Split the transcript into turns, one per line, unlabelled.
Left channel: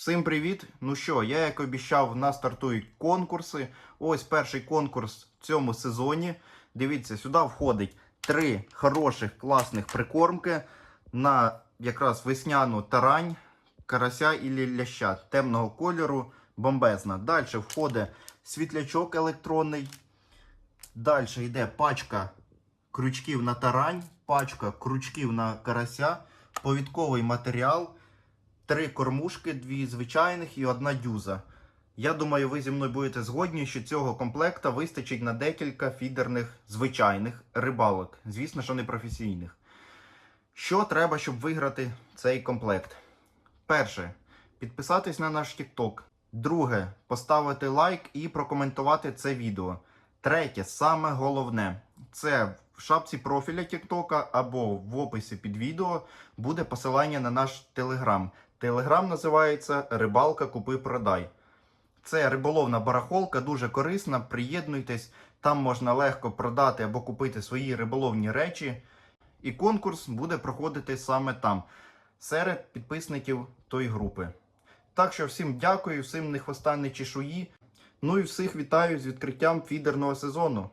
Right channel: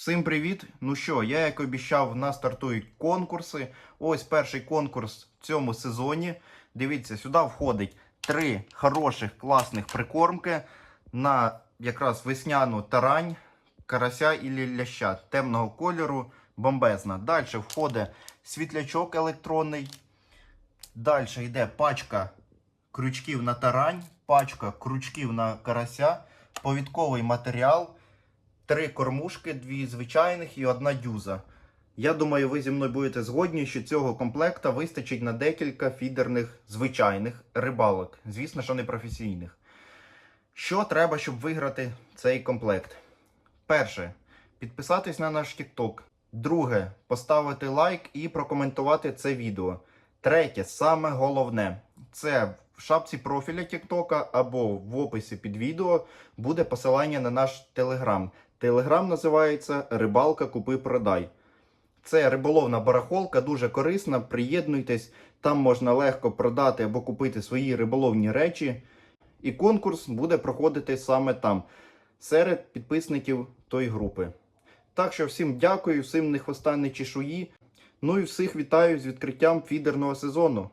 Всім привіт! Ну що, я як обіцяв, в нас стартують конкурси. Ось перший конкурс в цьому сезоні. Дивіться, сюди входить три хороших класних прикормки на якраз весняну тарань, карася і ляща темного кольору, бомбезна. Далі входить світлячок електронний. Далі йде пачка крючків на тарань, пачка крючків на карася, повідковий матеріал. Три кормушки, дві звичайних і одна дюза. Я думаю, ви зі мною будете згодні, що цього комплекта вистачить на декілька фідерних звичайних рибалок. Звісно, що не професійних. Що треба, щоб виграти цей комплект? Перше, підписатись на наш TikTok. Друге, поставити лайк і прокоментувати це відео. Третє, саме головне, це в шапці профіля TikTok або в описі під відео буде посилання на наш телеграм. Телеграм називається Рибалка Купи Продай. Це риболовна барахолка, дуже корисна. Приєднуйтесь, там можна легко продати або купити свої риболовні речі. І конкурс буде проходити саме там, серед підписників тої групи. Так що всім дякую, всім не хвоста, не чешуї. Ну і всіх вітаю з відкриттям фідерного сезону.